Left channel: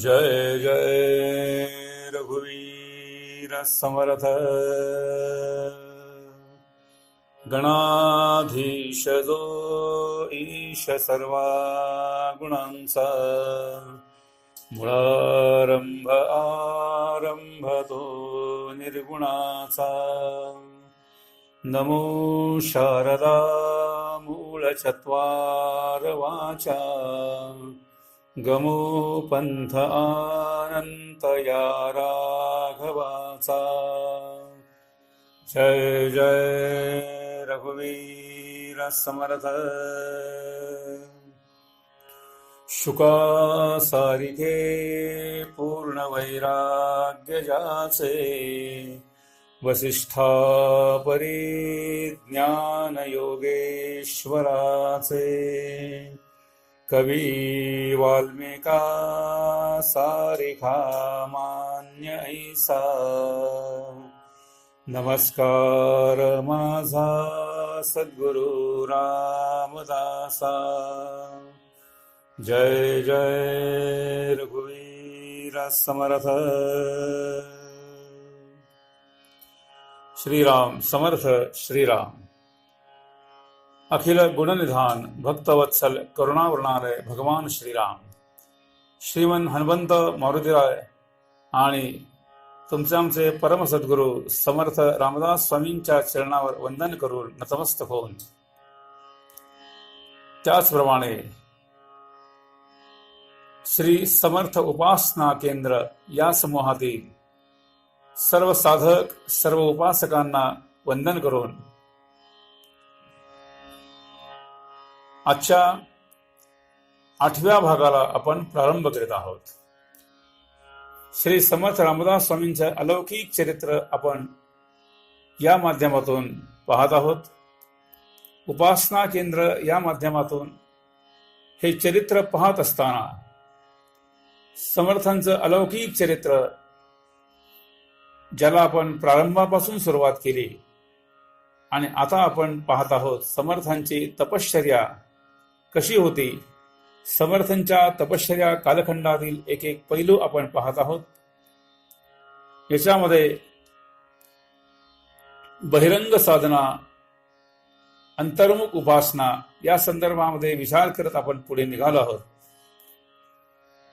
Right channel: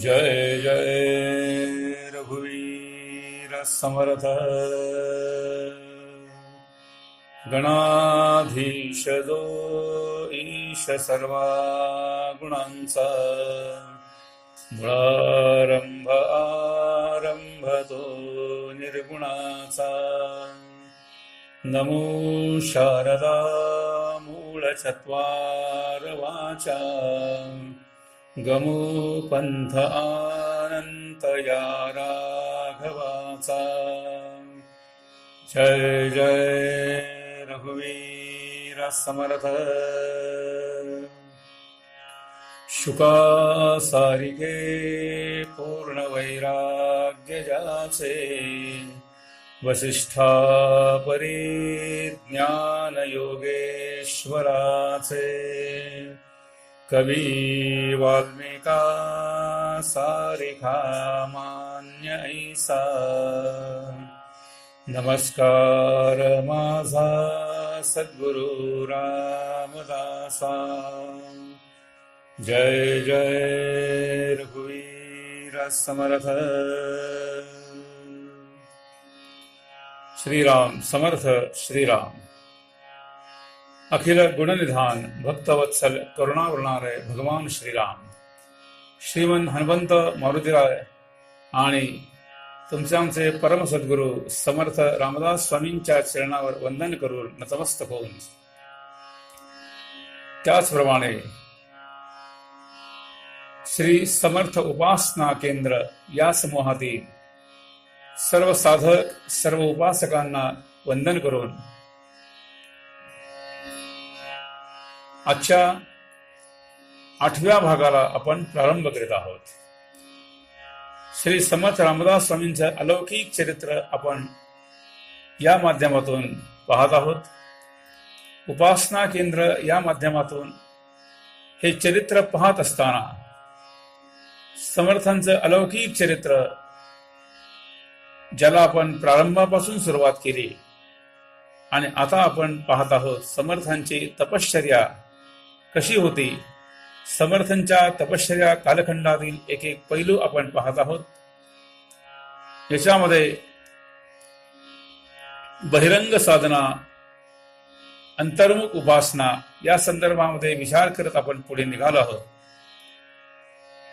जय जय रघुवीर समर्थ गणाधीश जो ईश सर्वा गुणांचा मुळारंभ आरंभ तो निर्गुणाचा नमो शारदा मूळ चत्वार वाचा गमो पंथ अनंत या राघवाचा जय जय रघुवीर समर्थ शुका सारिखे पूर्ण वैराग्य जाचे वसिष्ठा परिज्ञान योगेश्वराचे कवी वाल्मिका सारिखा मान्य ऐसा नमस्कार माझा सद्गुरु रामदासा जय जय रघुवीर समर्थ श्रीराम समर्थ श्रीराम अखिल गुणनिधान भक्तवत्सल करुणावरणालय भगवान श्रीराम श्रीमन हनुमंत मारुतीराय आणि तुमचे आमचे परम सद्गुरू समर्थ रामदास स्वामींच्या चरणावर वंदन करून नतमस्तक होऊन त्याचप्रमाणे श्री समर्थ उपासना केंद्र या समूहातील सर्व साधक सर्व उपासकांना वंदन करून आजच्या 8व्या भागाला आपण प्रारंभ करीत आहोत. श्री समर्थ रामदास स्वामींचे अलौकिक चरित्र आपण या माध्यमातून पाहत आहोत. उपासना केंद्र या माध्यमातून हे चरित्र पाहत असताना समर्थांचं अलौकिक चरित्र ज्याला आपण प्रारंभापासून सुरुवात केली आणि आता आपण पाहत आहोत समर्थांची तपश्चर्या कशी होती. समर्थांच्या तपश्चर्या कालखंडातील एक एक पैलू आपण पाहत आहोत. याच्यामध्ये बहिरंग साधना अंतर्मुख उपासना या संदर्भामध्ये विचार करत आपण पुढे निघालो आहोत.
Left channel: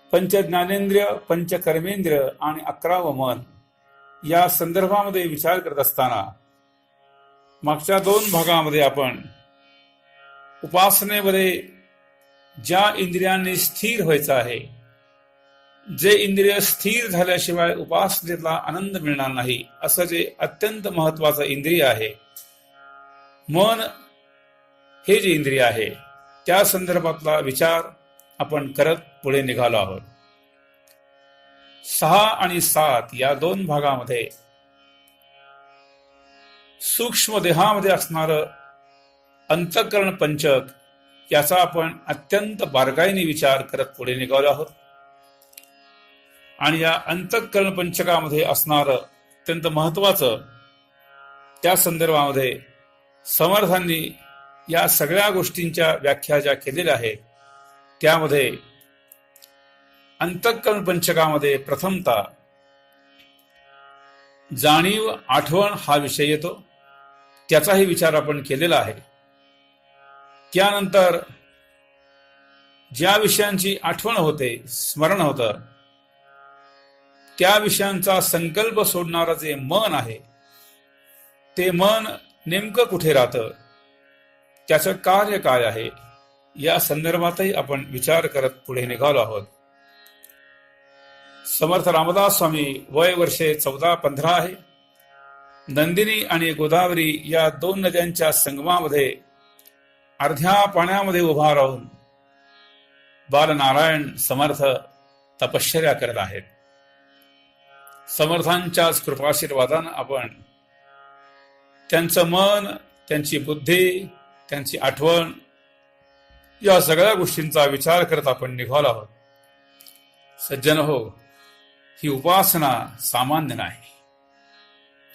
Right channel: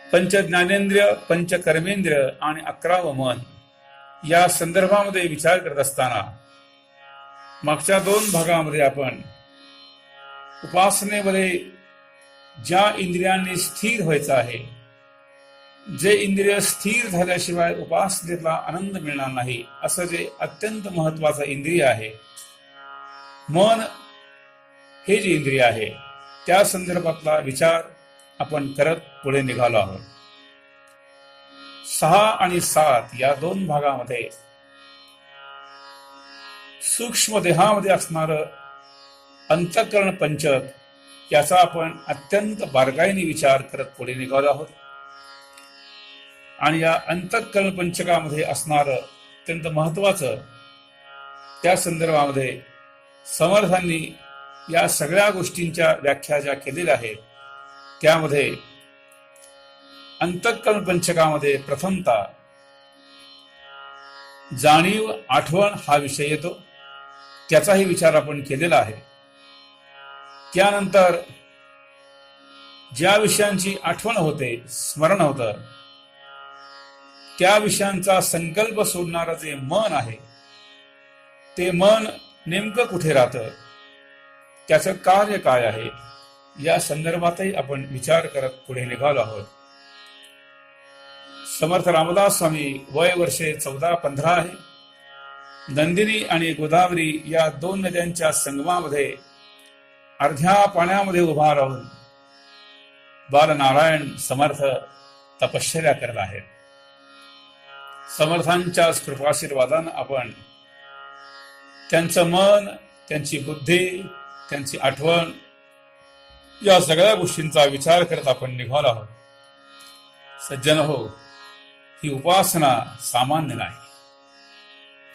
पंच ज्ञानेंद्रिय पंच कर्मेंद्रिय आणि 11 मन या संदर्भामध्ये विचार करत असताना मागच्या 2 भागामध्ये आपण उपासनेमध्ये ज्या इंद्रियांनी स्थिर व्हायचं आहे, जे इंद्रिय स्थिर झाल्याशिवाय उपासनेतला आनंद मिळणार नाही, असं जे अत्यंत महत्वाचं इंद्रिय आहे मन, हे जे इंद्रिय आहे त्या संदर्भातला विचार आपण करत पुढे निघालो आहोत. 6 आणि 7 या 2 भागामध्ये सूक्ष्म देहामध्ये असणारं अंतःकरण पंचक याचा आपण अत्यंत बारकाईने विचार करत पुढे निघालो आहोत. आणि या अंतःकरण पंचकामध्ये असणारं अत्यंत महत्वाचं त्या संदर्भामध्ये समर्थांनी या सगळ्या गोष्टींच्या व्याख्या ज्या केलेल्या आहेत त्यामध्ये अंतःकरण पंचकामध्ये प्रथमतः जाणीव आठवण हा विषय येतो. त्याचाही विचार आपण केलेला आहे. त्यानंतर ज्या विषयांची आठवण होते, स्मरण होतं, त्या विषयांचा संकल्प सोडणारं जे मन आहे ते मन नेमकं कुठे राहतं, त्याचं कार्य काय आहे, या संदर्भातही आपण विचार करत पुढे निघालो आहोत. समर्थ रामदास स्वामी वय वर्षे 14-15 आहे. नंदिनी आणि गोदावरी या 2 नद्यांच्या संगमामध्ये अर्ध्या पाण्यामध्ये उभा राहून बालनारायण समर्थ तपश्चर्या करत आहेत. समर्थांच्याच कृपाशीर्वादानं आपण त्यांचं मन, त्यांची बुद्धी, त्यांची आठवण या सगळ्या गोष्टींचा विचार करत आपण निघालो आहोत. सज्जन हो, ही उपासना सामान्य नाही.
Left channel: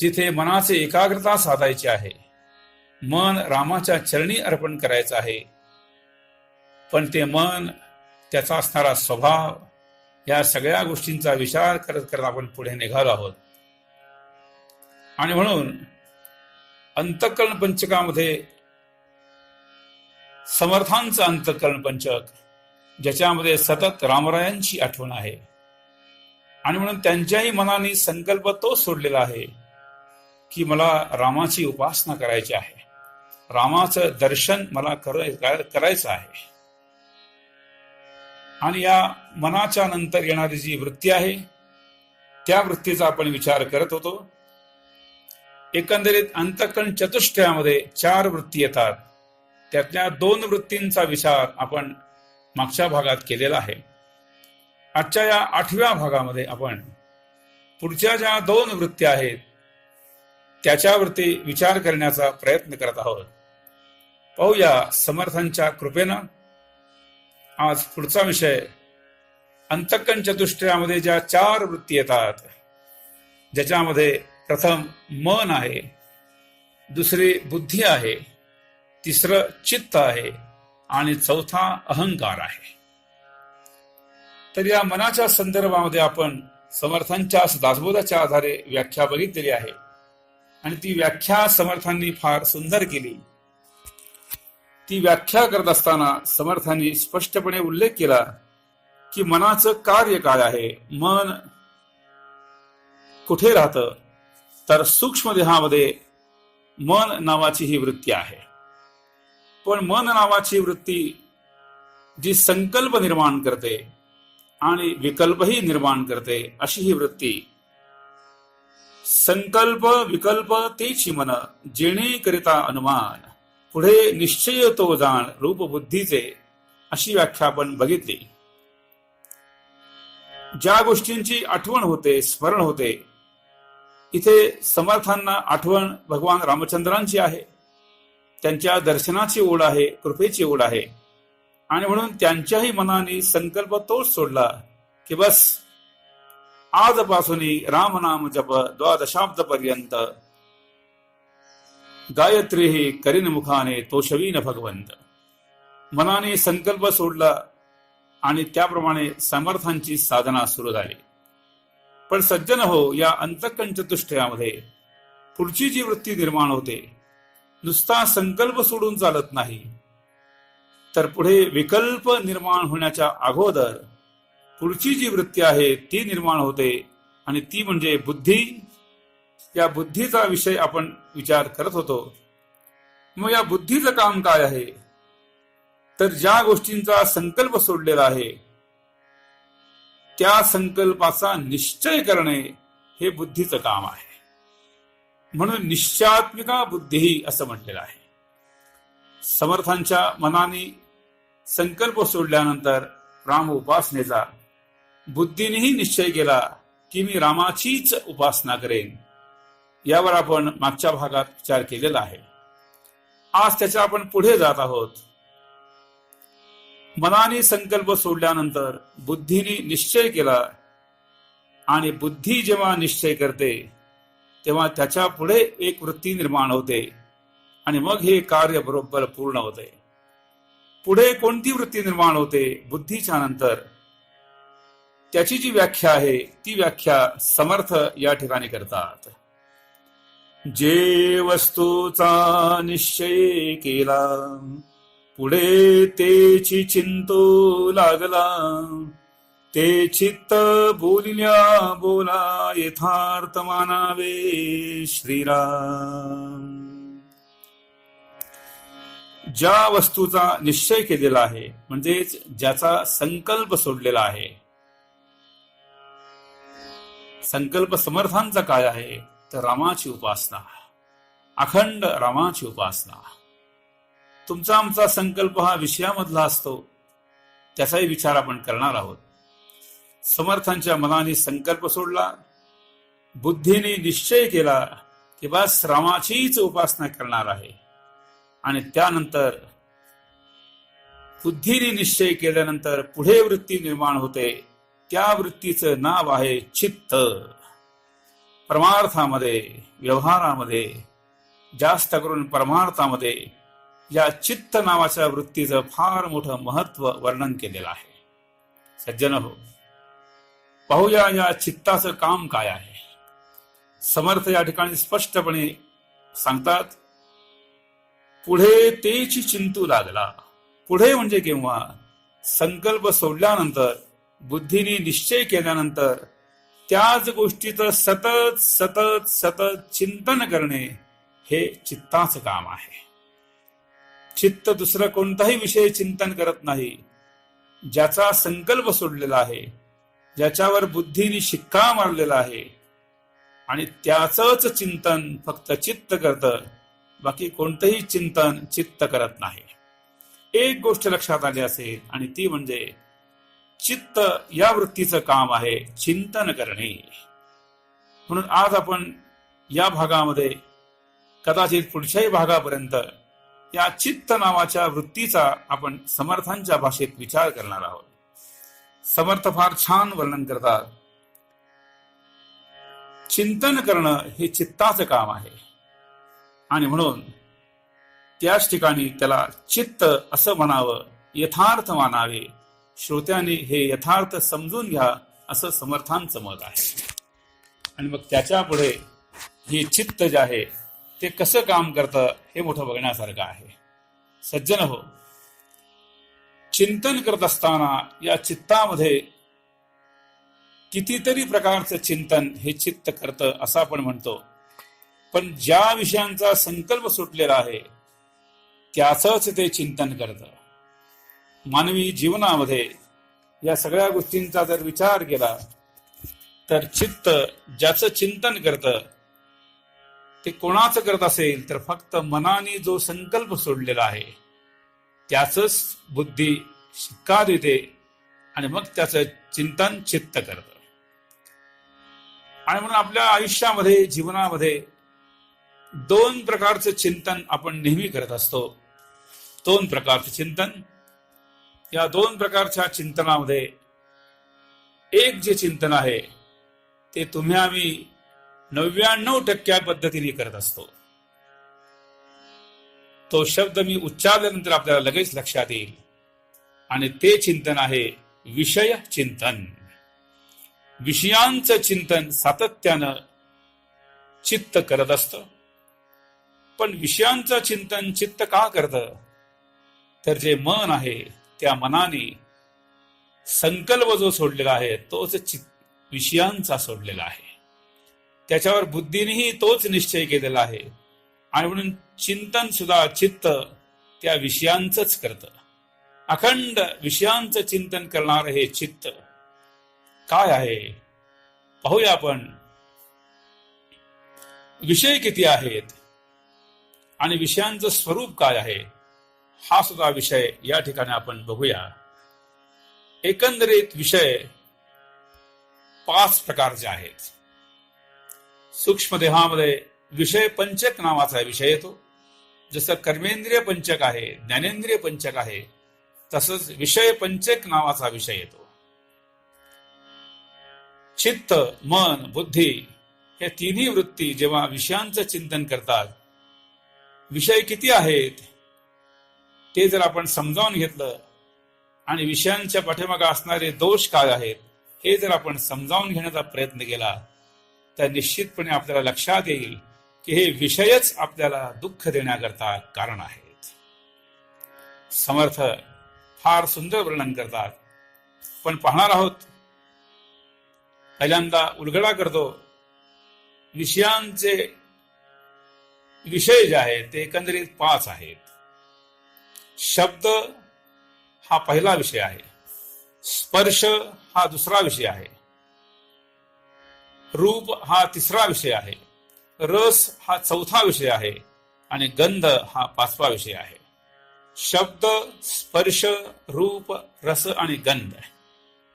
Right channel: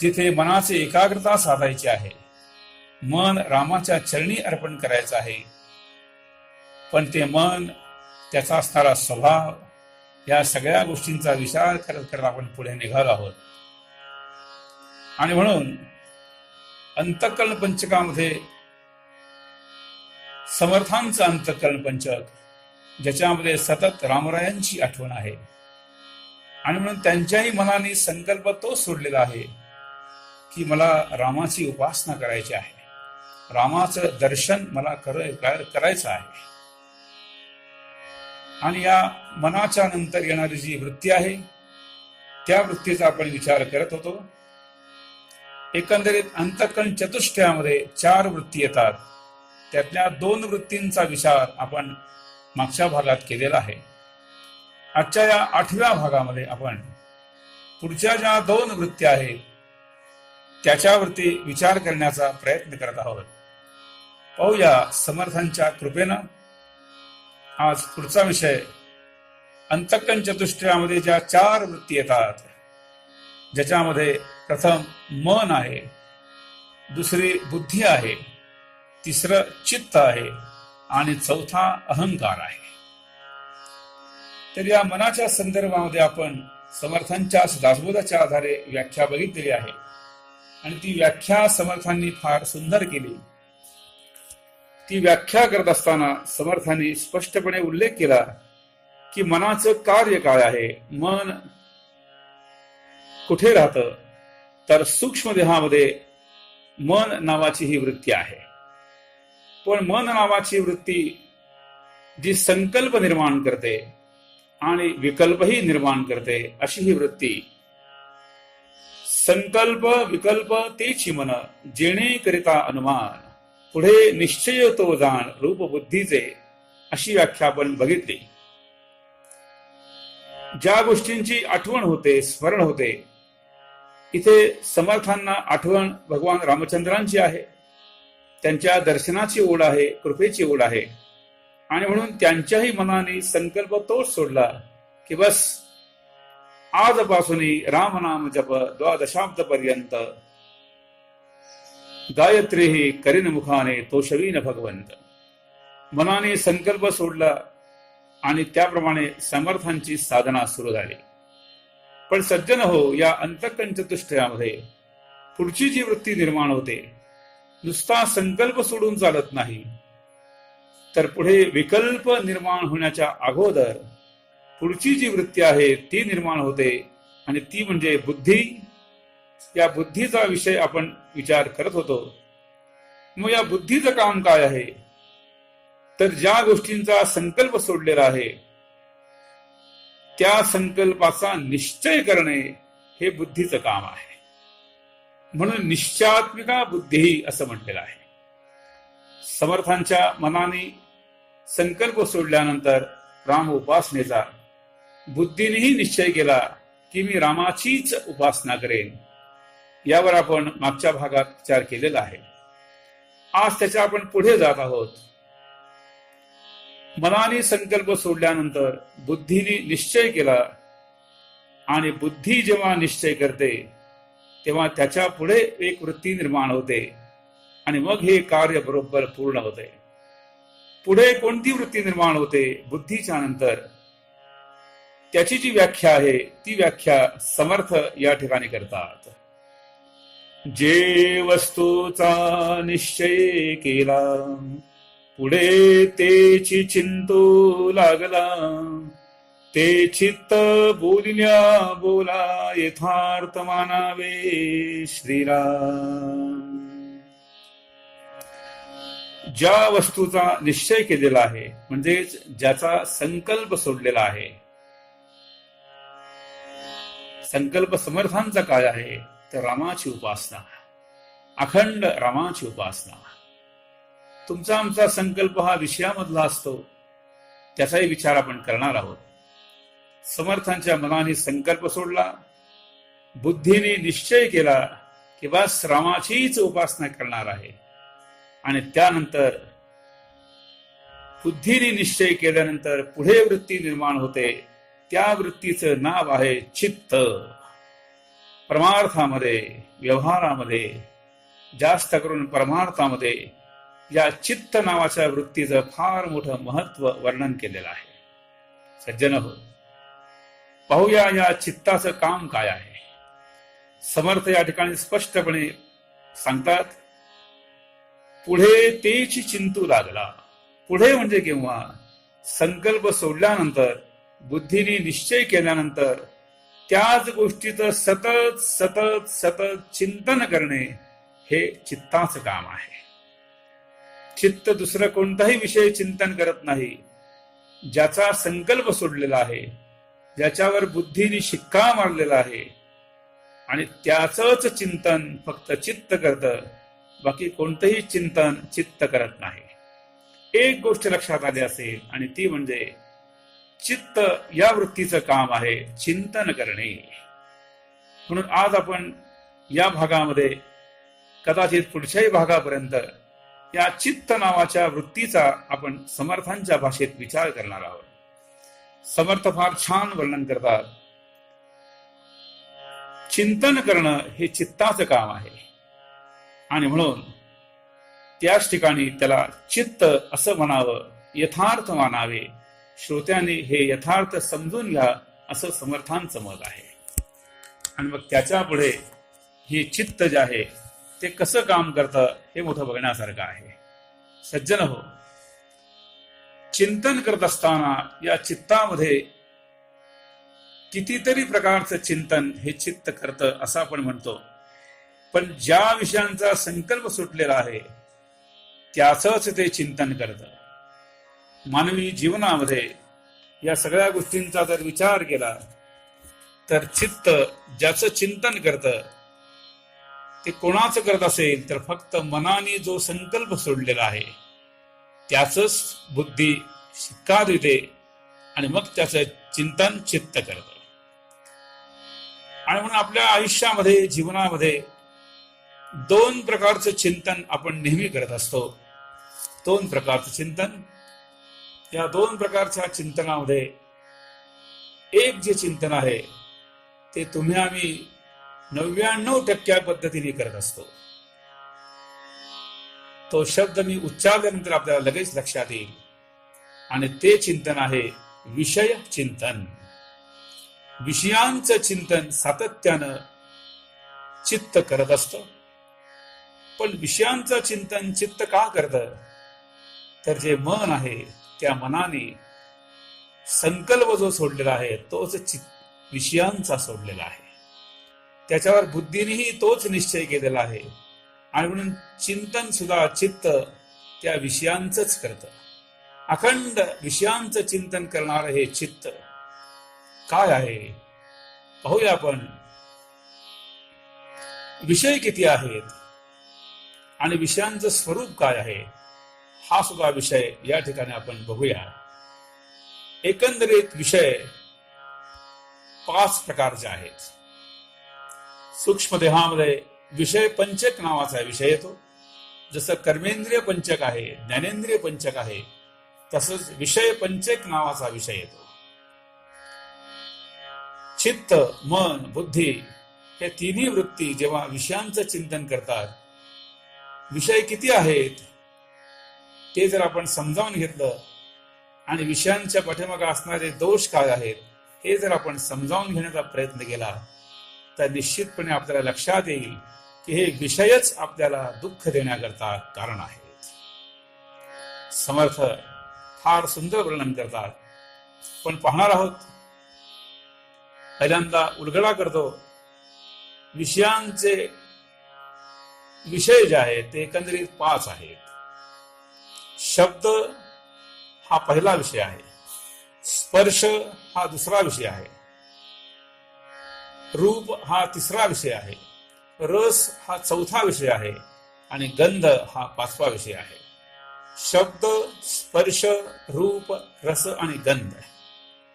जिथे मनाची एकाग्रता साधायची आहे, मन रामाच्या चरणी अर्पण करायचं आहे, पण ते मन त्याचा असणारा स्वभाव, या सगळ्या गोष्टींचा विचार करत करत आपण पुढे निघालो आहोत. आणि म्हणून अंतःकरण पंचकामध्ये समर्थांचं अंतःकरण पंचक, ज्याच्यामध्ये सतत रामरायांची आठवण आहे, आणि म्हणून त्यांच्याही मनाने संकल्प तो सोडलेला आहे की मला रामाची उपासना करायची आहे, रामाचं दर्शन मला करायचं आहे. आणि या मनाच्या नंतर येणारी जी वृत्ती आहे, त्या वृत्तीचा आपण विचार करत होतो. एकंदरीत अंतःकरण चतुष्टयामध्ये 4 वृत्ती येतात. त्यातल्या 2 वृत्तींचा विचार आपण मागच्या भागात केलेला आहे. आजच्या या 8व्या भागामध्ये आपण पुढच्या ज्या 2 वृत्ती आहेत त्याच्यावरती विचार करण्याचा प्रयत्न करत आहोत. पाहूया समर्थांच्या कृपेनं. आज पुढचा विषय, अंतःकरण चतुष्टयामध्ये ज्या 4 वृत्ती येतात, ज्याच्यामध्ये प्रथम मन आहे, दुसरी बुद्धी आहे, तिसरं चित्त आहे आणि चौथा अहंकार आहे. तर या मनाच्या संदर्भामध्ये आपण समर्थांच्या दासबोधाच्या आधारे व्याख्या बघितलेली आहे, आणि ती व्याख्या समर्थांनी फार सुंदर केली. ती व्याख्या करत असताना समर्थांनी स्पष्टपणे उल्लेख केला की मनाचं कार्य काय आहे. मन कुठे राहतं, तर सूक्ष्म देहामध्ये मन नावाची ही वृत्ती आहे. पण मन नावाची वृत्ती जी संकल्प निर्माण करते आणि विकल्पही निर्माण करते, अशी ही वृत्ती. संकल्प विकल्प तेची मन, जेणे करिता अनुमान, पुढे निश्चय तो जाण रूप बुद्धीचे, अशी व्याख्या आपण बघितली. ज्या गोष्टींची आठवण होते, स्मरण होते, इथे समर्थांना आठवण भगवान रामचंद्रांची आहे, त्यांच्या दर्शनाची ओढ आहे, कृपेची ओढ आहे. आणि म्हणून त्यांच्याही मनाने संकल्प तोच सोडला की बस आजपासून रामनाम जप 12 पर्यंत गायत्री ही करीन मुखाने तोषवीन भगवंत. मनाने संकल्प सोडला आणि त्याप्रमाणे समर्थांची साधना सुरू झाली. पण सज्जन हो, या अंतःकरण चतुष्टयामध्ये पुढची जी वृत्ती निर्माण होते, नुसता संकल्प सोडून चालत नाही, तर पुढे विकल्प निर्माण होण्याच्या अगोदर पुढची जी वृत्ती आहे ती निर्माण होते, आणि ती म्हणजे बुद्धी. या बुद्धीचा विषय आपण विचार करत होतो. मग या बुद्धीचं काम काय आहे, तर ज्या गोष्टींचा संकल्प सोडलेला आहे त्या संकल्पाचा निश्चय करणे हे बुद्धीचं काम आहे. म्हणून निश्चयात्मिका बुद्धी असं म्हटलेलं आहे. समर्थांच्या मनाने संकल्प सोडल्यानंतर राम उपासनेचा बुद्धीनेही निश्चय केला की मी रामाचीच उपासना करेन. यावर आपण मागच्या भागात विचार केलेला आहे. आज त्याच्या आपण पुढे जात आहोत. मनाने संकल्प सोडल्यानंतर बुद्धीने निश्चय केला, आणि बुद्धी जेव्हा निश्चय करते तेव्हा त्याच्या पुढे एक वृत्ती निर्माण होते, आणि मग हे कार्य बरोबर पूर्ण होते. पुढे कोणती वृत्ती निर्माण होते बुद्धीच्या नंतर, त्याची जी व्याख्या आहे ती व्याख्या समर्थ या ठिकाणी करतात. जे वस्तूचा निश्चय केला, पुढे तेची चिंतो लागला, ते चित्त बोलिल्या बोला यथार्थ मानावे श्रीराम. ज्या वस्तूचा निश्चय केलेला आहे, म्हणजेच ज्याचा संकल्प सोडलेला आहे. संकल्प समर्थांचा काय आहे, तर रामाची उपासना, अखंड रामाची उपासना. तुमचा आमचा संकल्प हा विषयामधला असतो, त्याचाही विचार आपण करणार आहोत. समर्थांच्या मनाने संकल्प सोडला, बुद्धीने निश्चय केला की बस रामाचीच उपासना करणार आहे, आणि त्यानंतर बुद्धीने निश्चय केल्यानंतर पुढे वृत्ती निर्माण होते. त्या वृत्तीचं नाव आहे चित्त. परमार्थामध्ये, व्यवहारामध्ये, जास्त करून परमार्थामध्ये या चित्त नावाच्या वृत्तीचं फार मोठं महत्व वर्णन केलेलं आहे. सज्जन हो, पाहूया या चित्ताचं काम काय आहे. समर्थ या ठिकाणी स्पष्टपणे सांगतात, पुढे तेची चिंतू लागला. पुढे म्हणजे केव्हा? संकल्प सोडल्यानंतर, बुद्धीने निश्चय केल्यानंतर त्याच गोष्टीचं सतत सतत सतत चिंतन करणे हे चित्ताचं काम आहे. चित्त दुसरा कोणताही विषय चिंतन करत नाही. ज्याचा संकल्प सोडलेला आहे, ज्याच्यावर बुद्धीने शिक्का मारलेला आहे आणि त्याचंच चिंतन फक्त चित्त करतं, बाकी कोणतंही चिंतन चित्त करत नाही. एक गोष्ट लक्षात आली असेल, आणि ती म्हणजे चित्त या वृत्तीचं काम आहे चिंतन करणे. म्हणून आज आपण या भागामध्ये, कदाचित पुढच्याही भागापर्यंत, या चित्त नावाच्या वृत्तीचा आपण समर्थांच्या भाषेत विचार करणार आहोत. समर्थ फार छान वर्णन करतात. चिंतन करणं हे चित्ताचं काम आहे, आणि म्हणून त्याच ठिकाणी त्याला चित्त असं म्हणावं, यथार्थ मानावे. श्रोत्याने हे यथार्थ समजून घ्या, असं समर्थांचं मत आहे. आणि मग त्याच्या पुढे हे चित्त जे आहे ते कसं काम करतं हे मोठं बघण्यासारखं आहे. सज्जन हो, चिंतन करत असताना या चित्तामध्ये कितीतरी प्रकारचं चिंतन हे चित्त करतं असं आपण म्हणतो. पण ज्या विषयांचा संकल्प सुटलेला आहे त्याचंच ते चिंतन करतं. मानवी जीवनामध्ये या सगळ्या गोष्टींचा जर विचार केला तर चित्त ज्याचं चिंतन करतं ते कोणाचं करत असेल तर फक्त मनाने जो संकल्प सोडलेला आहे त्याचंच बुद्धी शिक्का देते, आणि मग त्याचं चिंतन चित्त करतं. आणि म्हणून आपल्या आयुष्यामध्ये, जीवनामध्ये दोन प्रकारचं चिंतन आपण नेहमी करत असतो. दोन प्रकारचं चिंतन. या दोन प्रकारच्या चिंतनामध्ये एक जे चिंतन आहे ते तुम्ही आम्ही 99% पद्धतीने करत असतो. तो शब्द मी उच्चारल्यानंतर आपल्याला लगेच लक्षात येईल, आणि ते चिंतन आहे विषय चिंतन. विषयांचं चिंतन सातत्यानं चित्त करत असतं. पण विषयांचं चिंतन चित्त का करतं? तर जे मन आहे त्या मनाने संकल्प जो सोडलेला आहे तोच विषयांचा सोडलेला आहे. त्याच्यावर बुद्धीनेही तोच निश्चय केलेला आहे, आणि म्हणून चिंतन सुद्धा चित्त त्या विषयांचंच करतं. अखंड विषयांचं चिंतन करणार हे चित्त काय आहे पाहूया आपण. विषय किती आहेत आणि विषयांचं स्वरूप काय आहे हा सुद्धा विषय या ठिकाणी आपण बघूया. एकंदरीत विषय 5 प्रकारचे आहेत. सूक्ष्म देहामध्ये विषय पंचक नावाचा विषय येतो. जसं कर्मेंद्रिय पंचक आहे, ज्ञानेंद्रिय पंचक आहे, तसंच विषय पंचक नावाचा विषय येतो. चित्त, मन, बुद्धी हे तिन्ही वृत्ती जेव्हा विषयांचं चिंतन करतात, विषय किती आहेत ते जर आपण समजावून घेतलं आणि विषयांच्या पाठीमागे असणारे दोष काय आहेत हे जर आपण समजावून घेण्याचा प्रयत्न केला तर निश्चितपणे आपल्याला लक्षात येईल की हे विषयच आपल्याला दुःख देण्याकरता कारण आहेत. समर्थ फार सुंदर वर्णन करतात, पण पाहणार आहोत. पहिल्यांदा उलगडा करतो. विषयांचे विषय जे आहेत ते एकंदरीत 5 आहेत. शब्द हा पहिला विषय आहे, स्पर्श हा दुसरा विषय आहे, रूप हा तिसरा विषय आहे, रस हा चौथा विषय आहे, आणि गंध हा 5वा विषय आहे. शब्द, स्पर्श, रूप, रस आणि गंध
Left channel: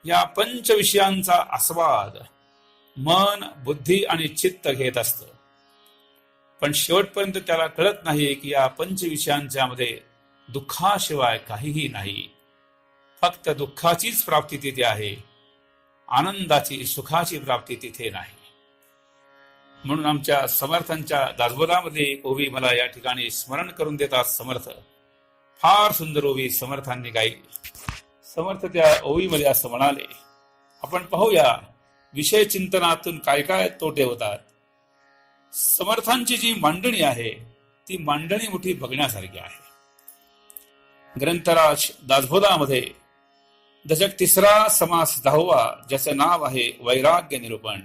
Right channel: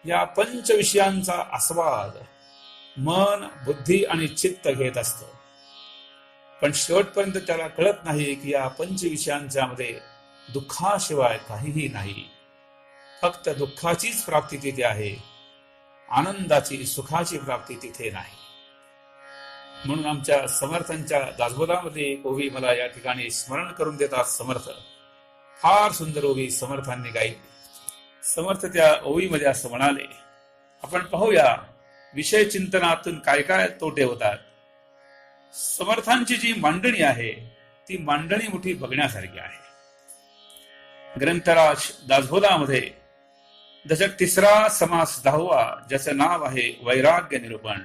या 5 विषयांचा आस्वाद मन, बुद्धी आणि चित्त घेत असतं. पण शेवटपर्यंत त्याला कळत नाही की या 5 विषयांच्या मध्ये दुःखाशिवाय काहीही नाही. फक्त दुःखाचीच प्राप्ती तिथे आहे, आनंदाची, सुखाची प्राप्ती तिथे नाही. म्हणून आमच्या समर्थांच्या दासबोधामध्ये एक ओवी मला या ठिकाणी स्मरण करून देतात समर्थ. फार सुंदर ओवी समर्थांनी गाई. समर्थ त्या ओळीमध्ये असं म्हणाले. आपण पाहूया विषय चिंतनातून काय काय तोटे होतात. समर्थांची जी मांडणी आहे ती मांडणी मोठी बघण्यासारखी आहे. ग्रंथराज दासबोधामध्ये दशक 3 समास 10, ज्याचं नाव आहे वैराग्य निरूपण,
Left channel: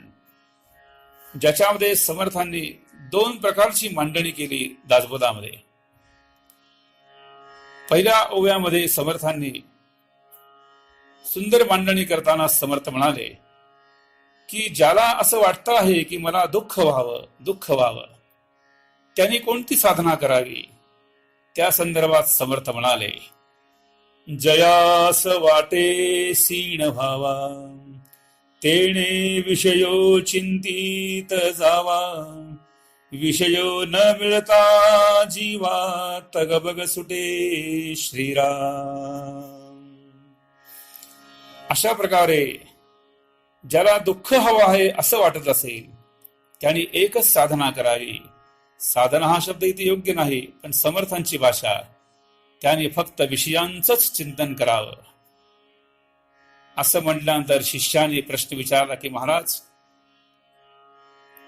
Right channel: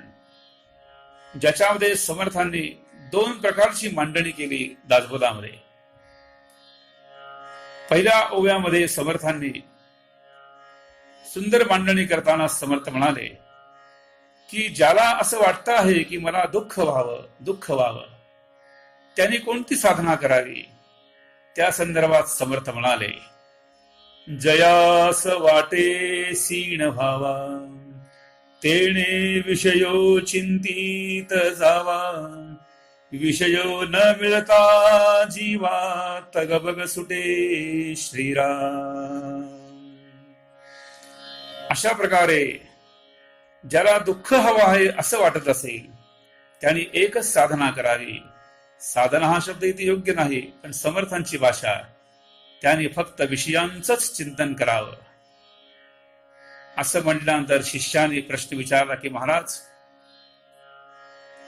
ज्याच्यामध्ये समर्थांनी 2 प्रकारची मांडणी केली. दासबोधामध्ये पहिल्या ओव्यामध्ये समर्थांनी सुंदर मांडणी करताना समर्थ म्हणाले की ज्याला असं वाटतं आहे की मला दुःख व्हावं त्याने कोणती साधना करावी. त्या संदर्भात समर्थ म्हणाले, जयास वाटे सीण व्हावा, तेणे विषयो चिंतित जावा, विषयो न मिळता जीवा, तगबग सुटे श्रीराम. अशा प्रकारे ज्याला दुःख हवं आहे असं वाटत असेल त्याने एकच साधना करावी. साधना हा शब्द इथे योग्य नाही, पण समर्थांची भाषा, त्याने फक्त विषयांचंच चिंतन करावं. असं म्हटल्यानंतर शिष्याने प्रश्न विचारला की महाराज,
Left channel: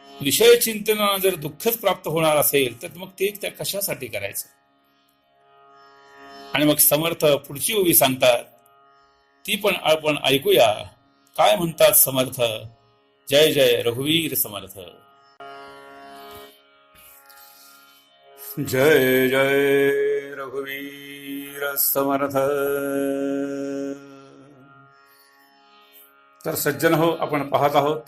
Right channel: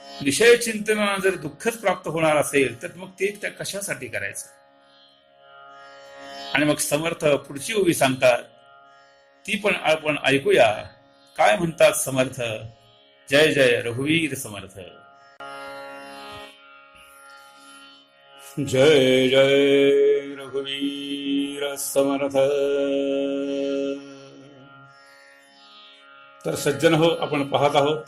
विषय चिंतनाला जर दुःखच प्राप्त होणार असेल तर मग ते त्या कशासाठी करायचं. आणि मग समर्थ पुढची ओवी सांगतात, ती पण आपण ऐकूया. काय म्हणतात समर्थ. जय जय रघुवीर समर्थ. जय जय रघुवीर समर्थ. तर सज्जन हो, आपण पाहत आहोत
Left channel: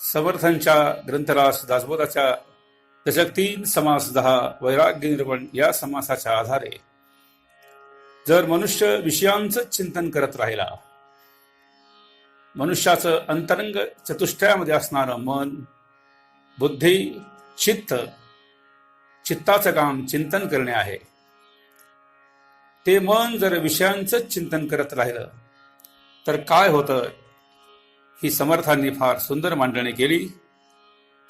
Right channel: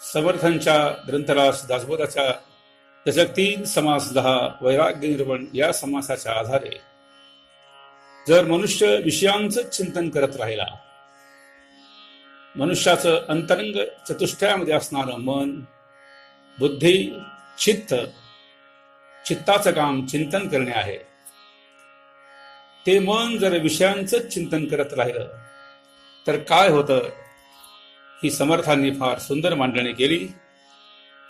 समर्थांच्या ग्रंथराज दासबोधाच्या दशक 3 समास 10 वैराग्य निरूपण या समासाच्या आधारे जर मनुष्य विषयांचं चिंतन करत राहिला, मनुष्याचं अंतरंग चतुष्टयामध्ये असणारं मन, बुद्धी, चित्ताचं काम चिंतन करणे आहे. ते मन जर विषयांचं चिंतन करत राहिलं तर काय होतं, ही समर्थांनी फार सुंदर मांडणी केली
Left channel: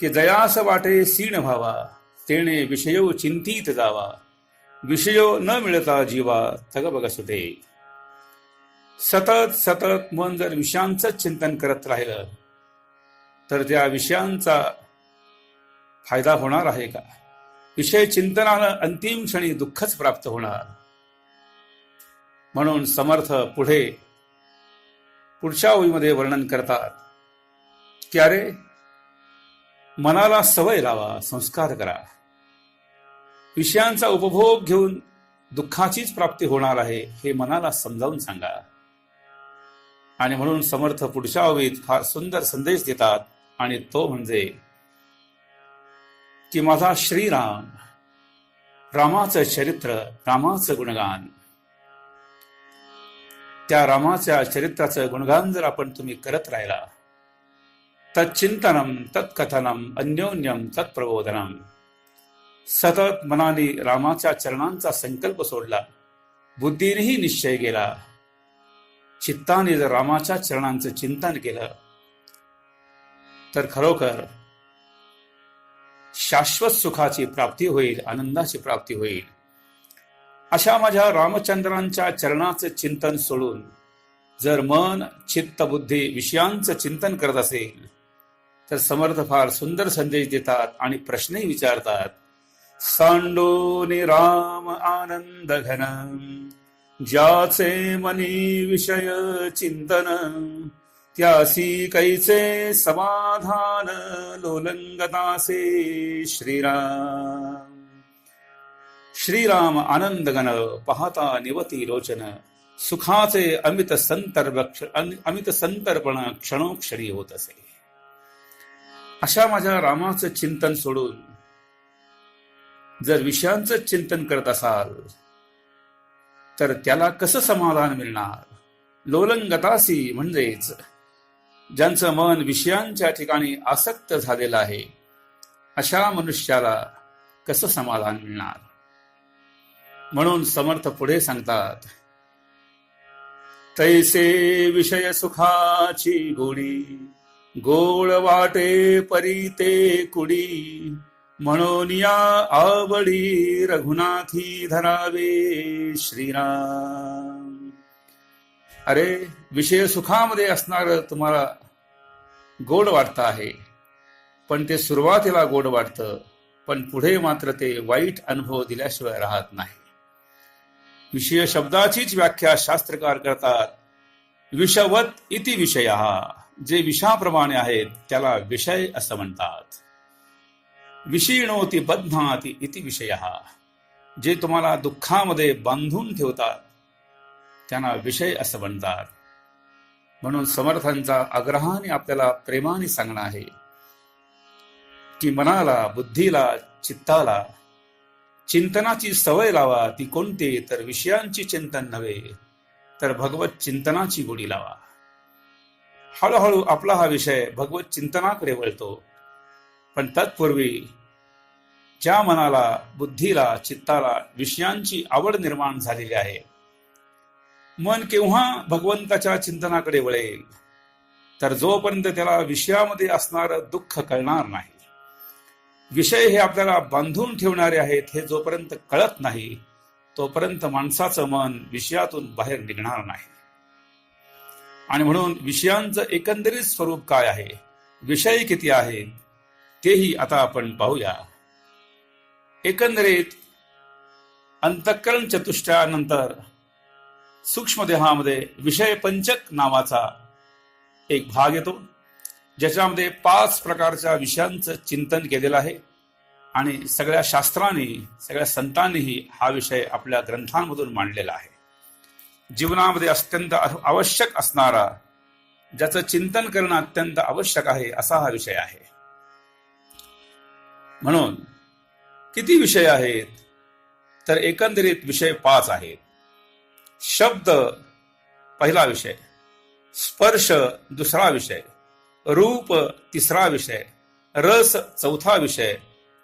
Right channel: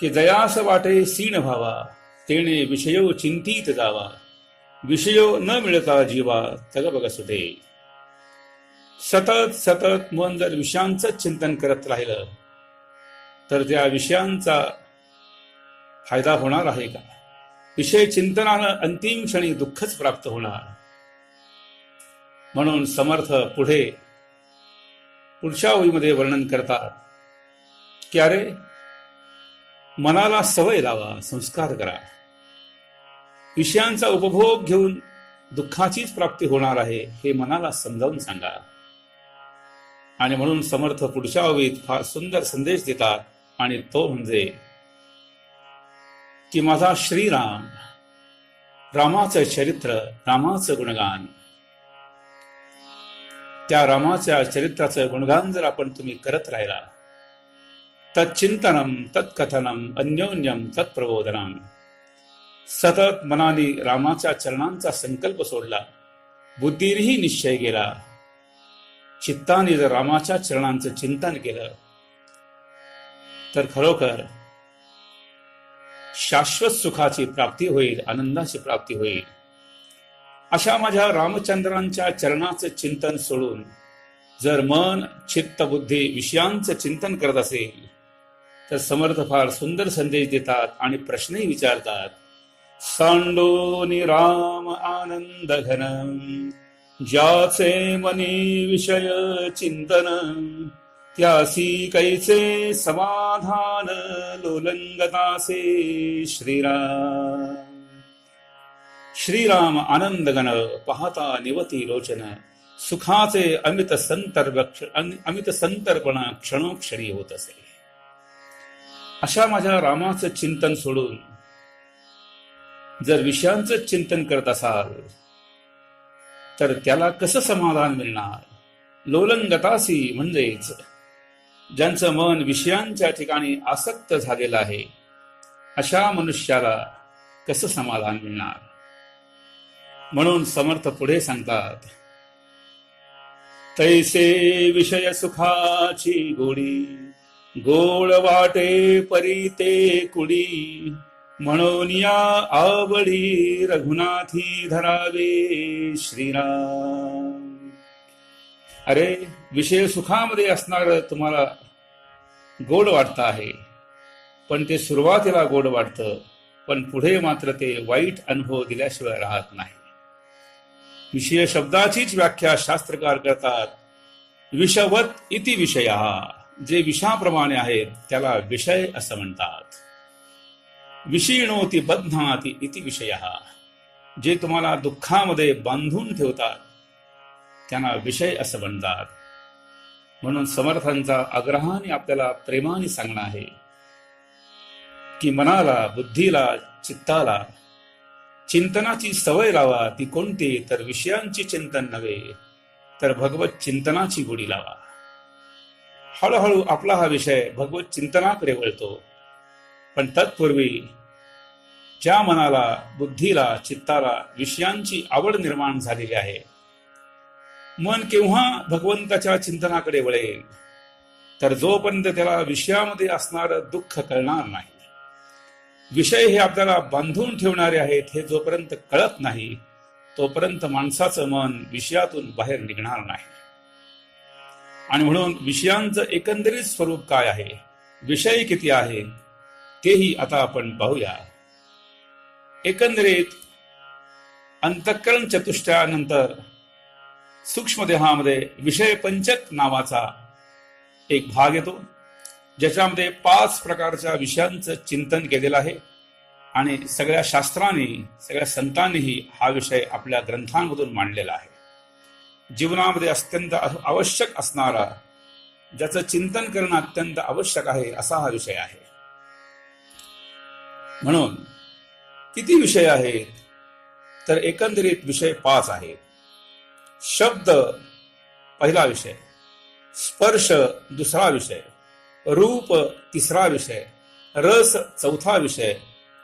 की जयास वाटे सीण व्हावा, तेणे विषयो चिंतित जावा, विषयो न मिळता जीवा, तगबग सुटे. सतत सतत मन जर विषयांचं चिंतन करत राहिलं तर त्या विषयांचा फायदा होणार आहे का. विषय चिंतनानं अंतिम क्षणी दुःखच प्राप्त होणार. म्हणून समर्थ पुढच्या ओळीमध्ये वर्णन करतात की अरे, मनाला सवय लावा, संस्कार करा. विषयांचा उपभोग घेऊन दुःखाचीच प्राप्ती होणार आहे हे मनाला समजावून सांगा. आणि म्हणून समर्थ पुढच्या ओळीत फार सुंदर संदेश देतात, आणि तो म्हणजे की माझा श्रीराम, रामाचं चरित्र, रामाचं गुणगान, त्या रामाच्या चरित्राचं गुणगान जर आपण तुम्ही करत राहिला, तच्चिंतनम तत्कथनम अन्योन्यम तत्प्रबोधनम, सतत मनाने रामाच्या चरणांचा संकल्प सोडला, बुद्धीनेही निश्चय केला, चित्ताने जर रामाच्या चरणांचं चिंतन केलं तर खरोखर शाश्वत सुखाची प्राप्ती होईल, आनंदाची प्राप्ती होईल. अशा माझ्या रामचंद्रांच्या चरणाचं चिंतन सोडून जर मन, चित्त, बुद्धी विषयांचं चिंतन करत असेल तर समर्थ फार सुंदर संदेश देतात आणि प्रश्नही विचारतात. सांडोनी राम आनंद घन, ज्याचे मनी विषय चिंतन, त्यासी कैचे समाधान, लोलंगतासे श्रीराम. श्रीराम आनंदगण, पाहता निवती लोचन, सुखाचे अमित संतर्पण क्षणोक्षणी होत असे. अशा माझ्या रामाचं चिंतन सोडून जर विषयांचं चिंतन करत असाल तर त्याला कसं समाधान मिळणार. लोलंगतासी म्हणजेच ज्यांचं मन विषयांच्या ठिकाणी आसक्त झालेलं आहे, अशा मनुष्याला कसं समाधान मिळणार. म्हणून समर्थ पुढे सांगतात, तैसे विषय सुखाची गोडी, गोळ वाटे परी कुडी, म्हणून या आवडी रघुनाथी धरावे श्रीराम. अरे, विषय सुखामध्ये असणार तुम्हाला गोड वाटतं आहे, पण ते सुरुवातीला गोड वाटतं, पण पुढे मात्र ते वाईट अनुभव दिल्याशिवाय राहत नाही. विषय शब्दाचीच व्याख्या शास्त्रकार करतात. विषवत इति विषयः. जे विषाप्रमाणे आहेत त्याला विषय असं म्हणतात. विषीणोति बध्नाति इति विषयः. जे तुम्हाला दुःखामध्ये बांधून ठेवतात त्यांना विषय असं म्हणतात. म्हणून समर्थांचा आग्रहाने आपल्याला प्रेमाने सांगणं आहे की मनाला, बुद्धीला, चित्ताला चिंतनाची सवय लावा. ती कोणती? तर विषयांची चिंतन नव्हे, तर भगवत चिंतनाची गोडी लावा. हळूहळू आपला हा विषय भगवत चिंतनाकडे वळतो. पण तत्पूर्वी ज्या मनाला, बुद्धीला, चित्ताला विषयांची आवड निर्माण झालेली आहे, मन केव्हा भगवंताच्या चिंतनाकडे वळेल? तर जोपर्यंत त्याला विषयामध्ये असणारं दुःख कळणार नाही, विषय हे आपल्याला बांधून ठेवणारे आहेत हे जोपर्यंत कळत नाही, तोपर्यंत माणसाचं मन विषयातून बाहेर निघणार नाही. आणि म्हणून विषयांचं एकंदरीत स्वरूप काय आहे, विषय किती आहे, तेही आता आपण पाहूया. एकंदरीत अंतःकरण चतुष्टयानंतर सूक्ष्म देहामध्ये विषय पंचक नावाचा एक भाग येतो, ज्याच्यामध्ये 5 प्रकारच्या विषयांचं चिंतन केलेलं आहे. आणि सगळ्या शास्त्रांनी, सगळ्या संतांनीही हा विषय आपल्या ग्रंथांमधून मांडलेला आहे. जीवनामध्ये अत्यंत आवश्यक असणारा, ज्याचं चिंतन करणं अत्यंत आवश्यक आहे, असा हा विषय आहे. म्हणून किती विषय आहेत? तर एकंदरीत विषय 5 आहेत. शब्द पहिला विषय, स्पर्श दुसरा विषय, रूप तिसरा विषय, रस चौथा विषय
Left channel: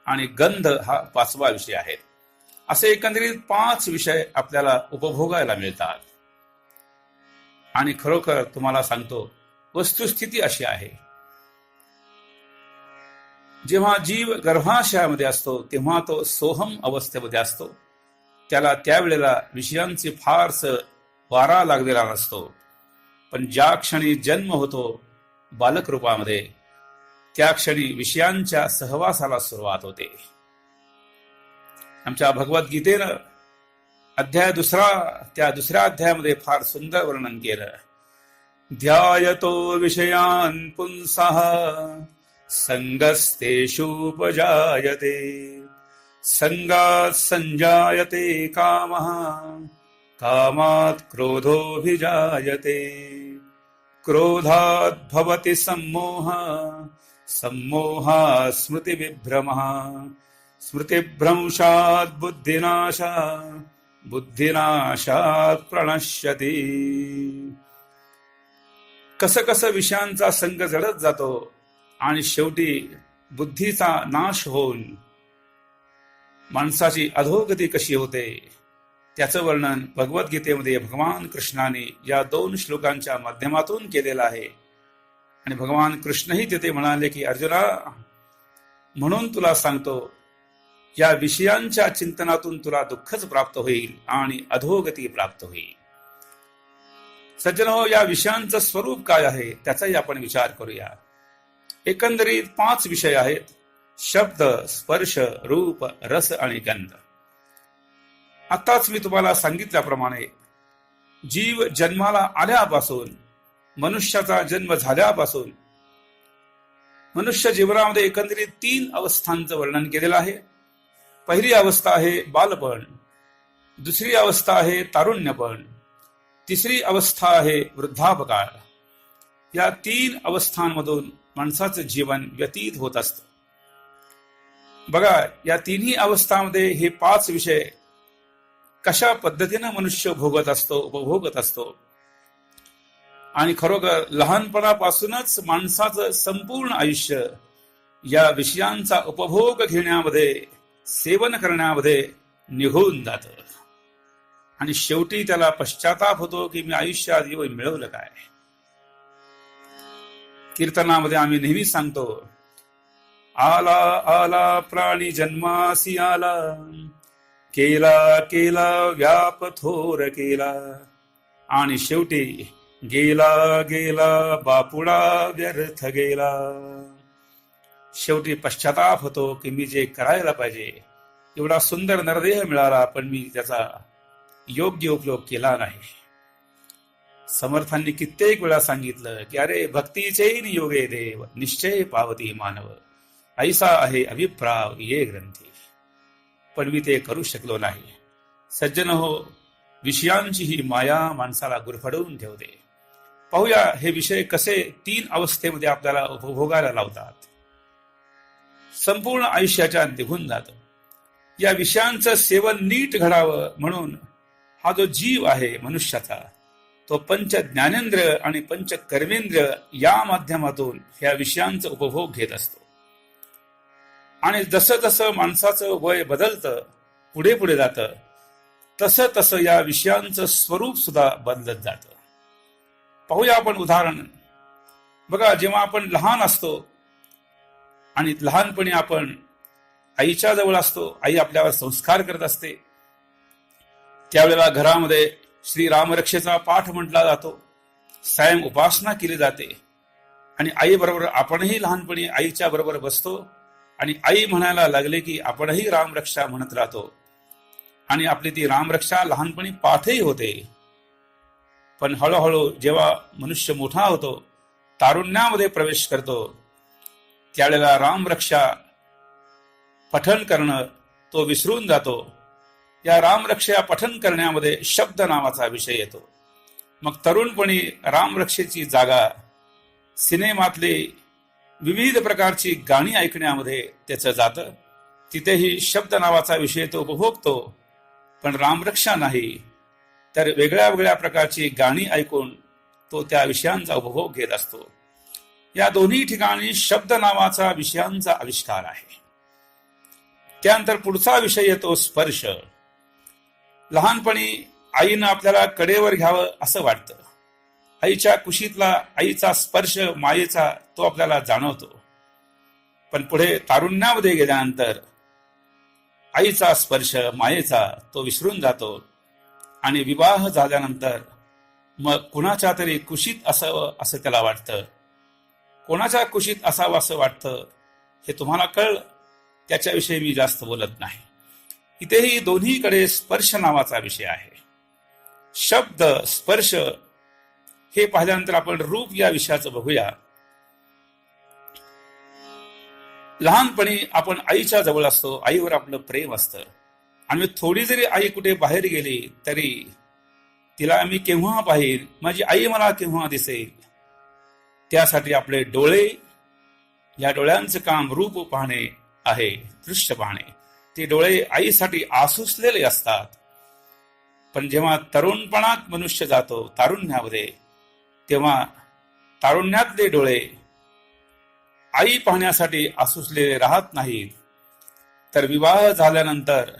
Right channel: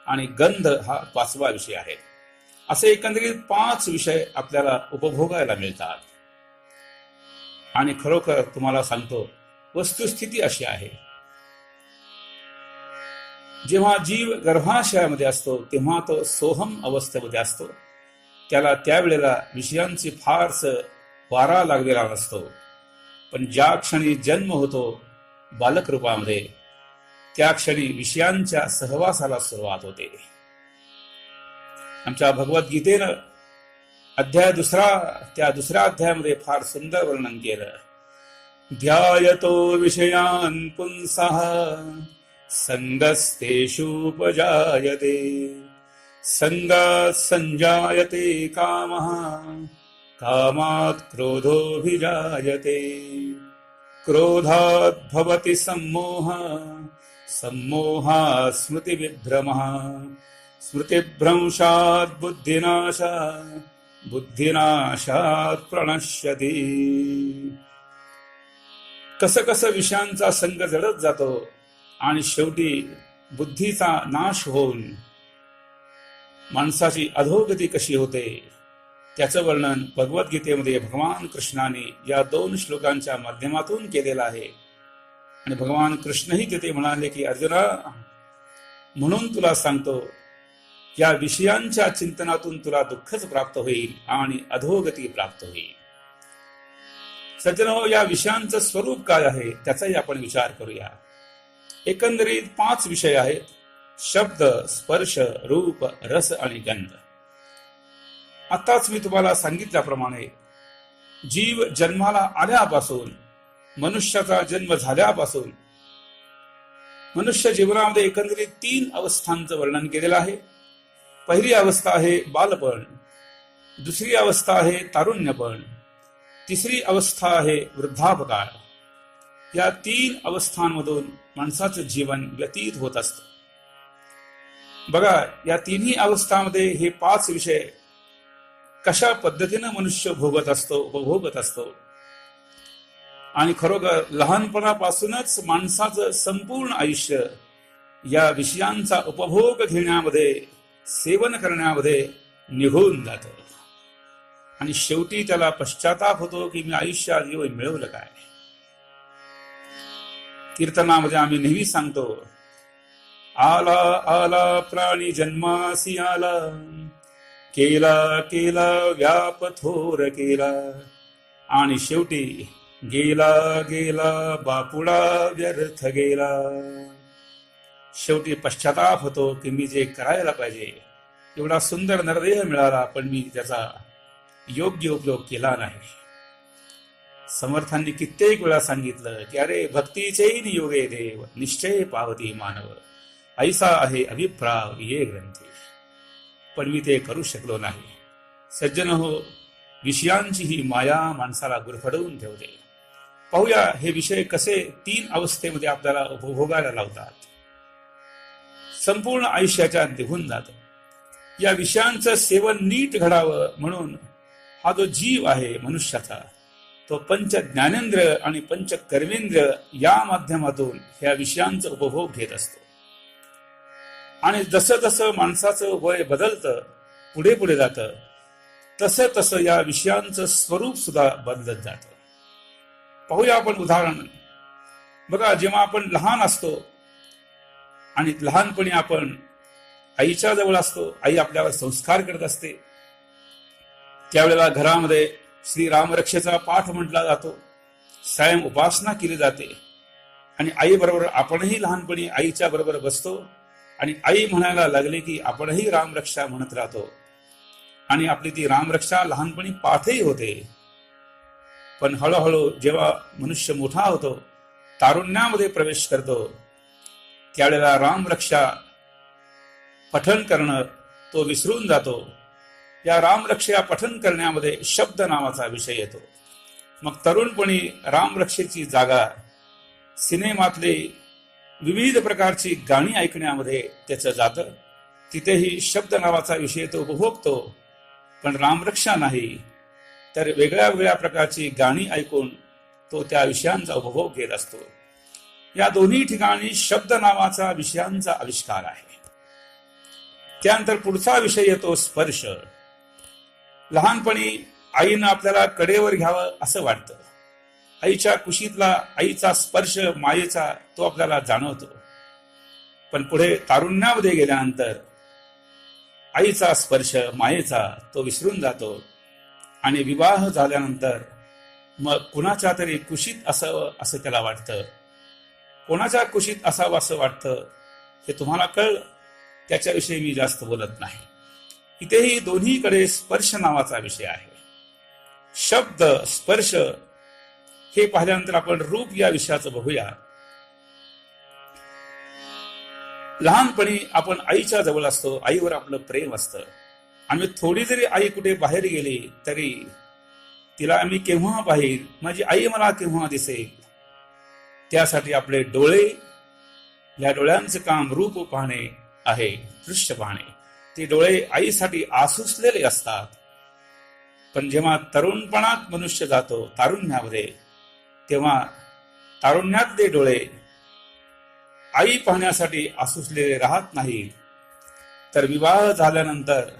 आणि गंध हा 5वा विषय आहे. असे एकंदरीत 5 विषय आपल्याला उपभोगायला मिळतात. आणि खरोखर तुम्हाला सांगतो, वस्तुस्थिती अशी आहे, जेव्हा जीव गर्भाशयामध्ये असतो तेव्हा तो सोहम अवस्थेमध्ये असतो. त्याला त्यावेळेला विषयांची फारस वारा लागलेला नसतो. पण ज्या क्षणी जन्म होतो बालक रूपामध्ये, त्या क्षणी विषयांच्या सहवासाला सुरुवात होते. आमच्या भगवद्गीतेनं अध्याय 2, त्या 2ऱ्या अध्यायामध्ये फार सुंदर वर्णन केलं. ध्यायतो विषयान् पुंसः संगस्तेषुपजायते संगात् संजायते कामः कामात् क्रोधोऽभिजायते क्रोधात् भवति सम्मोहः सम्मोहात् स्मृतिविभ्रमः स्मृतिभ्रंशात् बुद्धिनाशः बुद्धिनाशात् प्रणश्यति. कसं कसं विषयांचा संग जडत जातो आणि शेवटी बुद्धीचा नाश होऊन माणसाची अधोगती कशी होते, त्याचं वर्णन भगवद्गीतेमध्ये भगवान कृष्णाने या 2 श्लोकांच्या माध्यमातून केलेलं आहे. आणि भगवान कृष्णही तिथे म्हणाले की अर्जुना, म्हणून तुला सांगतो, या विषयांच्या चिंतनातून तुला दुःखच प्राप्त होईल आणि अधोगती प्राप्त होईल. सज्जनो, या विषयांचं स्वरूप काय आहे त्याचाही आपण विचार करूया. एकंदरीत 5 विषय आहेत: शब्द, स्पर्श, रूप, रस आणि गंध. आताच मी तुम्हाला सांगितल्याप्रमाणे जीव जन्माला आल्यापासून, मनुष्याचा जन्म झाल्यापासून मनुष्य जीवनामध्ये एकंदरीत 3 अवस्थांचं वर्णन केलेलं आहे. पहिली अवस्था आहे बालपण, दुसरी अवस्था आहे तारुण्यपण, तिसरी अवस्था आहे वृद्धापकाळ. या 3 अवस्थांमधून माणसाचं जीवन व्यतीत होत असतं. बघा, या 3ही अवस्थांमध्ये हे 5 विषय कशा पद्धतीनं मनुष्य भोगत असतो, उपभोगत असतो. आणि खरोखर लहानपणापासूनच माणसाचं संपूर्ण आयुष्य या विषयांचा उपभोग घेण्यामध्ये, सेवन करण्यामध्ये निघून जातं. आणि शेवटी त्याला पश्चाताप होतो की मी आयुष्यात येऊन मिळवलं काय. कीर्तनामध्ये आम्ही नेहमी सांगतो, आला आला प्राणी जन्मासी आला, केला केला व्याप थोर केला, आणि शेवटी गेला गेला बापुडा व्यर्थ गेला. शेवटी पश्चाताप होतो की मी जे करायला पाहिजे एवढा सुंदर नरदेह मिळाला, पण मी त्याचा योग्य उपयोग केला नाही. समर्थांनी कित्येक वेळा सांगितलं की अरे भक्तीचे योगे देव निश्चय पावती मानव, ऐसा आहे अभिप्राव ये ग्रंथी. पण मी ते करू शकलो नाही. सज्जन हो, विषयांची ही माया माणसाला गुरफडवून ठेवते. पाहूया हे विषय कसे 3 अवस्थेमध्ये आपल्याला उपभोगायला लावतात. संपूर्ण आयुष्याच्या निघून जात. या विषयांचं सेवन नीट घडावं म्हणून हा जो जीव आहे मनुष्याचा, तो पंच ज्ञानेंद्र आणि पंच कर्मेंद्र या माध्यमातून ह्या विषयांचा उपभोग घेत असतो. आणि जसं जसं माणसाचं वय बदलतं, पुढे पुढे जातं, तसं तसं या विषयांचं स्वरूप सुद्धा बदलत जातं. पाहूया आपण उदाहरण. बघा, जेव्हा आपण लहान असतो आणि लहानपणी आपण आईच्या जवळ असतो, आई आपल्यावर संस्कार करत असते, त्यावेळेला घरामध्ये श्री रामरक्षेचा पाठ म्हटला जातो, सायं उपासना केली जाते. आणि आई बरोबर आपणही लहानपणी आईच्या बरोबर बसतो आणि आई म्हणायला लागले की आपणही रामरक्षा म्हणत राहतो. आणि आपली ती रामरक्षा लहानपणी पाठही होते. पण हळूहळू जेव्हा मनुष्य मोठा होतो, तारुण्यामध्ये प्रवेश करतो, त्यावेळेला रामरक्षा पठन करणं तो विसरून जातो. या रामरक्षा पठन करण्यामध्ये शब्द नावाचा विषय येतो. मग तरुणपणी रामरक्षेची जागा सिनेमातले विविध प्रकारची गाणी ऐकण्यामध्ये त्याचं जातं. तिथेही शब्द नावाचा विषय तो उपभोगतो, पण रामरक्षा नाही, तर वेगळ्या वेगळ्या प्रकारची गाणी ऐकून तो त्या विषयांचा उपभोग घेत असतो. या दोन्ही ठिकाणी शब्द नावाचा विषयांचा आविष्कार आहे. त्यानंतर पुढचा विषय येतो स्पर्श. लहानपणी आईनं आपल्याला कडेवर घ्यावं असं वाटतं. आईच्या कुशीतला आईचा स्पर्श मायेचा तो आपल्याला जाणवतो. पण पुढे तारुण्यामध्ये गेल्यानंतर आईचा स्पर्श मायेचा तो विसरून जातो. आणि विवाह झाल्यानंतर मग कुणाच्या तरी कुशीत असावं असं त्याला वाटतं. कोणाच्या कुशीत असावं असं वाटतं हे तुम्हाला कळलं, त्याच्याविषयी मी जास्त बोलत नाही. इथेही दोन्हीकडे स्पर्श नावाचा विषय आहे. शब्द स्पर्श हे पाहिल्यानंतर आपण रूप या विषयाचं बघूया. लहानपणी आपण आईच्या जवळ असतो, आईवर आपलं प्रेम असतं. आणि थोडी जरी आई कुठे बाहेर गेली तरी तिला मी केव्हा पाहिल, माझी आई मला केव्हा दिसेल, त्यासाठी आपले डोळे, या डोळ्यांचं काम रूप पाहणे आहे, दृश्य पाहणे. ते डोळे आईसाठी आसुसलेले असतात. पण जेव्हा तरुणपणात मनुष्य जातो तारुण्यामध्ये, तेव्हा तारुण्यातले डोळे आई पाहण्यासाठी आसुसलेले राहत नाहीत. तर विवाह झाल्यानंतर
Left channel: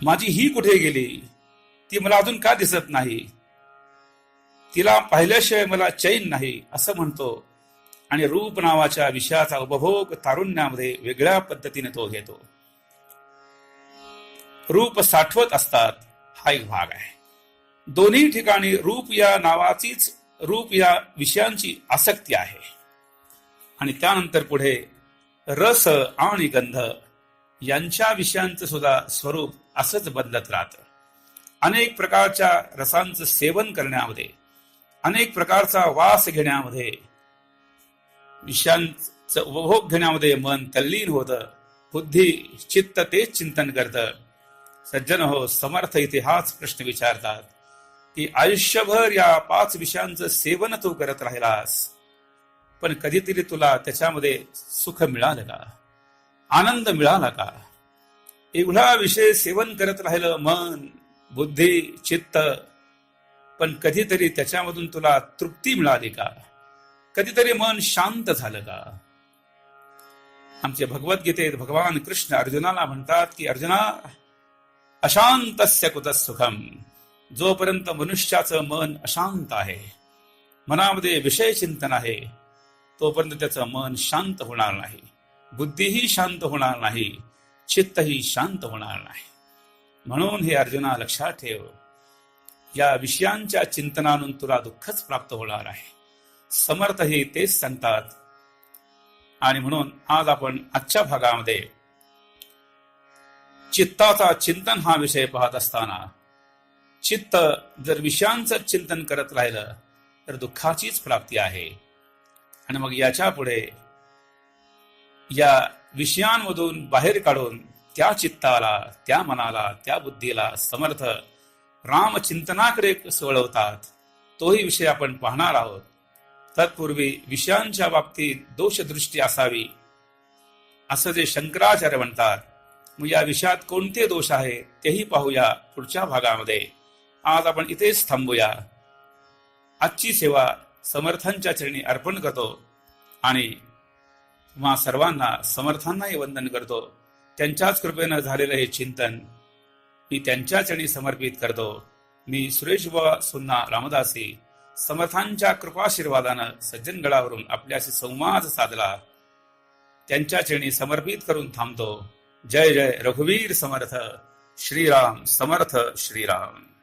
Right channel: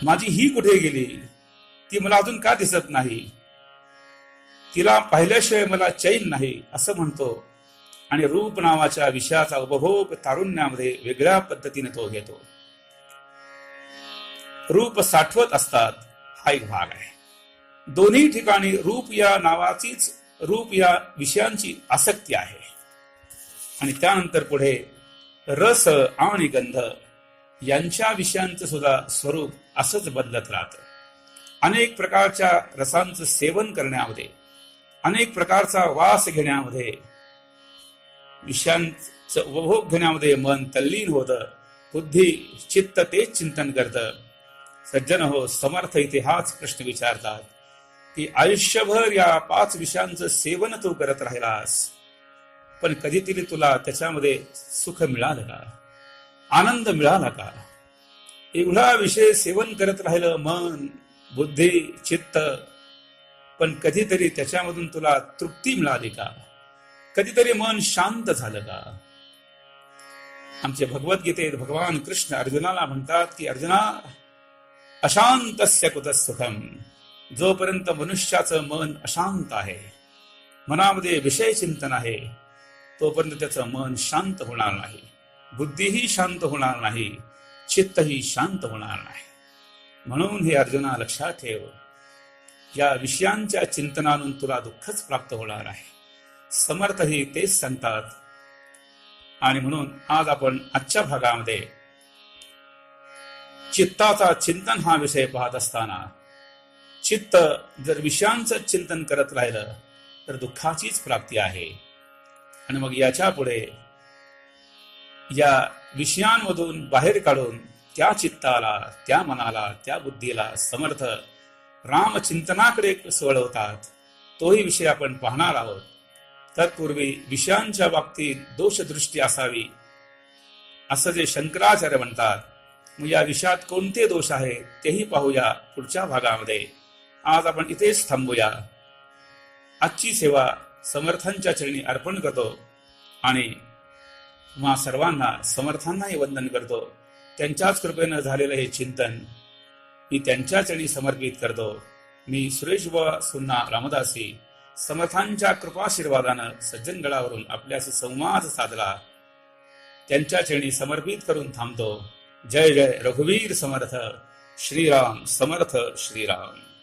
माझी ही कुठे गेली, ती मला अजून का दिसत नाही, तिला पाहिल्याशिवाय मला चैन नाही असं म्हणतो. आणि रूप नावाच्या विषयाचा उपभोग तारुण्यामध्ये वेगळ्या पद्धतीने तो घेतो. रूप साठवत असतात हा एक भाग आहे. दोन्ही ठिकाणी रूप या नावाचीच, रूप या विषयांची आसक्ती आहे. आणि त्यानंतर पुढे रस आणि गंध यांच्या विषयांचं सुद्धा स्वरूप असंच बदलत राहतं. अनेक प्रकारच्या रसांचं सेवन करण्यामध्ये, अनेक प्रकारचा वास घेण्यामध्ये, विषयांचं उपभोग घेण्यामध्ये मन तल्लीन होतं. बुद्धी चित्त तेच चिंतन करतं. सज्जन हो, समर्थ इथे हाच प्रश्न विचारतात की आयुष्यभर या 5 विषयांचं सेवन तू करत राहिलास, पण कधीतरी तुला त्याच्यामध्ये सुख मिळालं का, आनंद मिळाला का? एवढा विषय सेवन करत राहिलं मन, बुद्धी, चित्त, पण कधीतरी त्याच्यामधून तुला तृप्ती मिळाली का? कधीतरी मन शांत झालं का? आमच्या भगवद्गीतेत भगवान कृष्ण अर्जुनाला म्हणतात की अर्जुना, अशांतस्य कुतः सुखम. जोपर्यंत मनुष्याचं मन अशांत आहे, मनामध्ये विषय चिंतन आहे, तोपर्यंत त्याचं मन शांत होणार नाही, बुद्धीही शांत होणार नाही, चित्तही शांत होणार नाही. म्हणून हे अर्जुना लक्षात ठेव, या विषयांच्या चिंतनातून तुला दुःखच प्राप्त होणार आहे. समर्थही तेच सांगतात. आणि म्हणून आज आपण आजच्या भागामध्ये चित्ताचा चिंतन हा विषय पाहत असताना, चित्त जर विषयांचं चिंतन करत राहिलं तर दुःखाचीच प्राप्ती आहे. आणि मग याच्या पुढे या विषयांमधून बाहेर काढून त्या चित्ताला, त्या मनाला, त्या बुद्धीला समर्थ रामचिंतनाकडे वळवतात. तोही विषय आपण पाहणार आहोत. तत्पूर्वी विषयांच्या बाबतीत दोषदृष्टी असावी असं जे शंकराचार्य म्हणतात, मग या विषयात कोणते दोष आहेत तेही पाहूया पुढच्या भागामध्ये. आज आपण इथेच थांबूया. आजची सेवा समर्थांच्या चरणी अर्पण करतो आणि तुम्हा सर्वांना समर्थांनाही वंदन करतो. त्यांच्याच कृपेनं झालेलं हे चिंतन मी त्यांच्या चरणी समर्पित करतो. मी सुरेश बुवा सुन्ना रामदासी समर्थांच्या कृपाशीर्वादानं सज्जनगडावरून आपल्याशी संवाद साधला. त्यांच्या चरणी समर्पित करून थांबतो. जय जय रघुवीर समर्थ. श्रीराम समर्थ. श्रीराम.